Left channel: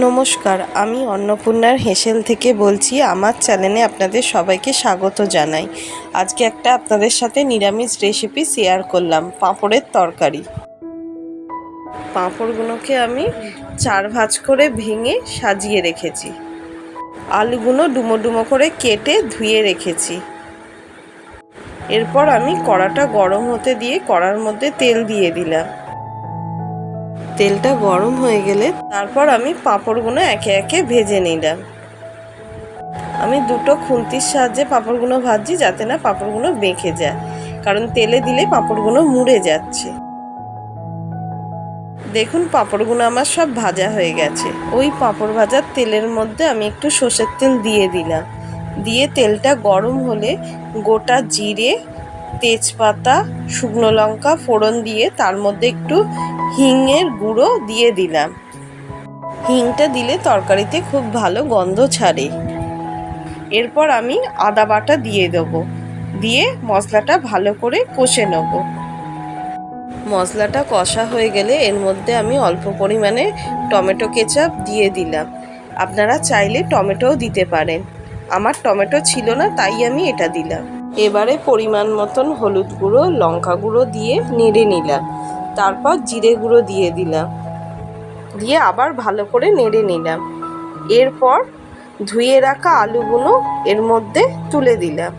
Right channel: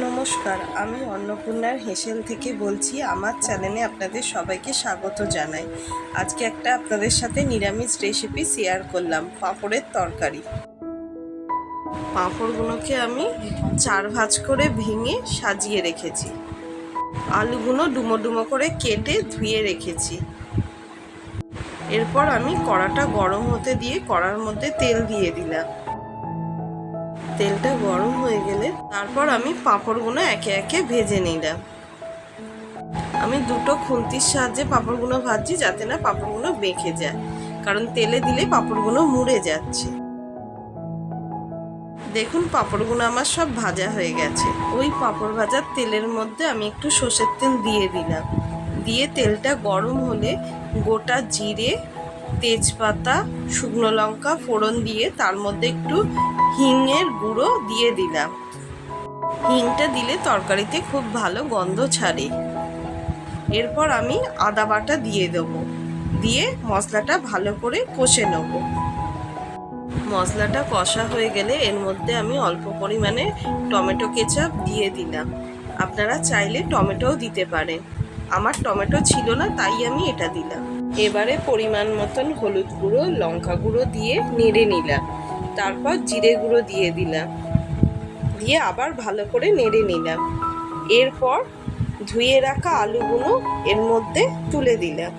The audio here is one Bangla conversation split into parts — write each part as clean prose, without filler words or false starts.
নমস্কার, আমি অন্নপূর্ণার হেসেল থেকে বলছি। আমার চ্যানেলে আপনাদের সবাইকে স্বাগত জানাই। আজকে একটা আপনাদের সাথে নিরামিষ রেসিপি শেয়ার করলাম, পাঁপড়ের তরকারি। পাঁপড়গুলোকে আমি 4 ভাঁজ করে ভেঙে সাজিয়ে রেখেছি। আলুগুলো ডুমো ডুমো করে কেটে ধুয়ে রেখেছি। এরপর আমি কড়াটা গরম হতে দিয়ে কড়ার মধ্যে তেল দিয়ে দিলাম। তেলটা গরম হয়ে গেলে তারপর আমি পাঁপড়গুলো একে একে ভেজে নিলাম। আমি দুটো খুন্তির সাহায্যে পাঁপড়গুলো ভাজছি, যাতে না পাঁপড়গুলো বেঁকে যায়, কারণ তেলে দিলে পাঁপড়গুলো মুড়ে যাচ্ছে। দেখুন, পাঁপড়গুলো আমার সব ভাজা হয়ে গেছে। ওই পাঁপড় ভাজার তেলের মধ্যে আমি একটু সর্ষের তেল দিয়ে দিলাম। দিয়ে তেলটা গরম হলে গোটা জিরে, তেজপাতা, শুকনো লঙ্কা ফোড়ন দিয়ে তার মধ্যে একটু হিঙের গুঁড়ো দিয়ে দিলাম। হিংটা দিলে তরকারিতে খুব ভালো গন্ধ ছাড়ে। এরপর আমি আদা বাটা দিয়ে দেবো, দিয়ে মশলাটা ভালো করে কষে নেব। মশলাটা কষা হয়ে গেলে এর মধ্যে আমি অল্প পরিমাণে টমেটো কেচাপ দিয়ে দিলাম। আপনারা চাইলে টমেটোও দিতে পারেন। আমার টমেটো ছিল না, তাই আমি এটা দিলাম। এবারে পরিমাণ মতন হলুদ গুঁড়ো, লঙ্কা গুঁড়ো দিয়ে নেড়ে নিলাম। তারপর জিরে গুঁড়ো দিয়ে দিলাম, দিয়ে আবার ভালো করে নেড়ে নিলাম। এরপর ধুয়ে রাখা আলুগুলো এর মধ্যে তুলে দিলাম,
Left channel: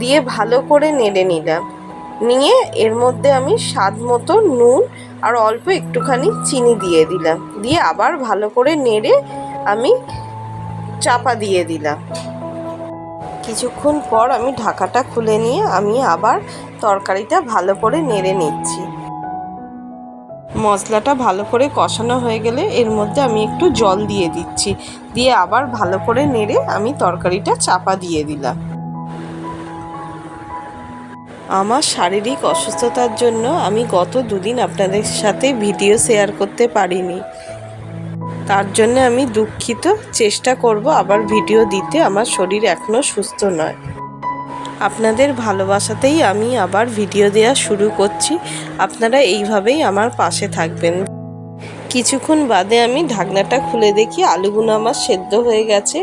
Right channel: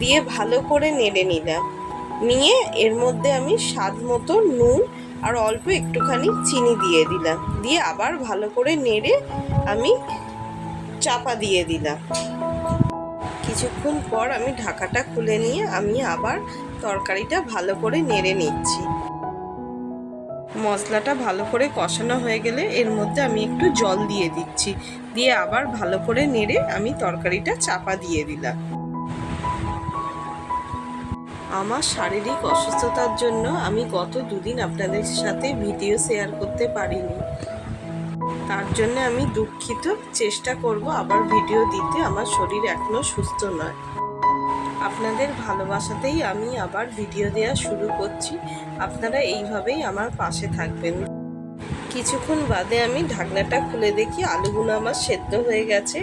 দিয়ে ভালো করে নেড়ে নিলাম। নিয়ে এর মধ্যে আমি স্বাদ মতো নুন আর অল্প একটুখানি চিনি দিয়ে দিলাম, দিয়ে আবার ভালো করে নেড়ে আমি চাপা দিয়ে দিলাম। কিছুক্ষণ পর আমি ঢাকাটা খুলে নিয়ে আমি আবার তরকারিটা ভালো করে নেড়ে নিচ্ছি। মশলাটা ভালো করে কষানো হয়ে গেলে এর মধ্যে আমি একটু জল দিয়ে দিচ্ছি, দিয়ে আবার ভালো করে নেড়ে আমি তরকারিটা চাপা দিয়ে দিলাম। আমার শারীরিক অসুস্থতার জন্য আমি গত 2 দিন আপনাদের সাথে ভিডিও শেয়ার করতে পারিনি, তার জন্য আমি দুঃখিত। চেষ্টা করব আবার ভিডিও দিতে। আমার শরীর এখনও সুস্থ নয়। আপনাদের ভালোবাসাতেই আমি আবার ভিডিও দেওয়া শুরু করছি। আপনারা এইভাবেই আমার পাশে থাকবেন। কিছুক্ষণ বাদে আমি ঢাকনাটা খুলে দেখি আলুগুলো আমার সেদ্ধ হয়ে গেছে।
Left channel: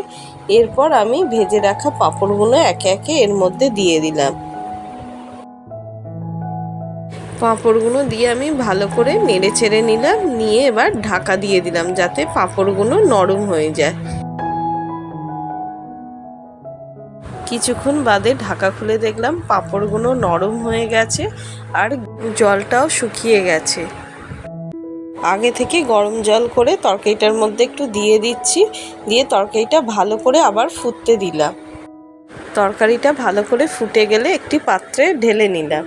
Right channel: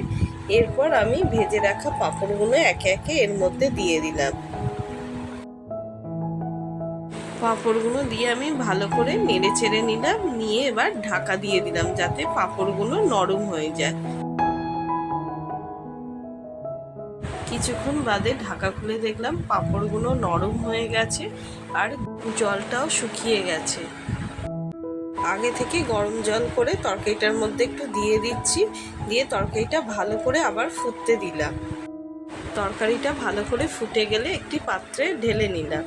এরপর আমি ভেজে রাখা পাঁপড়গুলো একে একে এর মধ্যে দিয়ে দিলাম। পাঁপড়গুলো দিয়ে আমি ভালো করে নেড়ে চেড়ে নিলাম, নিয়ে এবার ঢাকা দিয়ে দিলাম, যাতে পাঁপড়গুলো নরম হয়ে যায়। কিছুক্ষণ বাদে ঢাকা খুলে দেখলাম পাঁপড়গুলো নরম হয়ে গেছে আর জলটাও শুকিয়ে গেছে। আগে থেকে গরম জল করে তরকারিটার মধ্যে একটু দিয়ে দিচ্ছি, দিয়ে তরকারিটা ভালো করে আবার ফুটতে দিলাম। তরকারিটা ভালো করে ফুটে গেলে একটি পাত্রে ঢেলে নিলাম।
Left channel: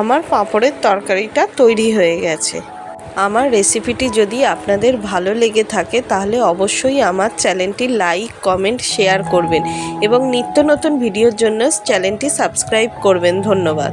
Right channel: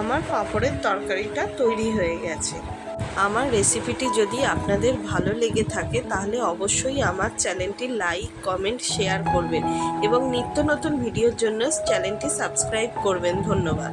আমার পাঁপড়ের তরকারিটা তৈরি হয়ে গেছে। আমার রেসিপিটি যদি আপনাদের ভালো লেগে থাকে তাহলে অবশ্যই আমার চ্যানেলটি লাইক, কমেন্ট, শেয়ার করবেন এবং নিত্য নতুন ভিডিওর জন্য চ্যানেলটি সাবস্ক্রাইব করবেন। ধন্যবাদ।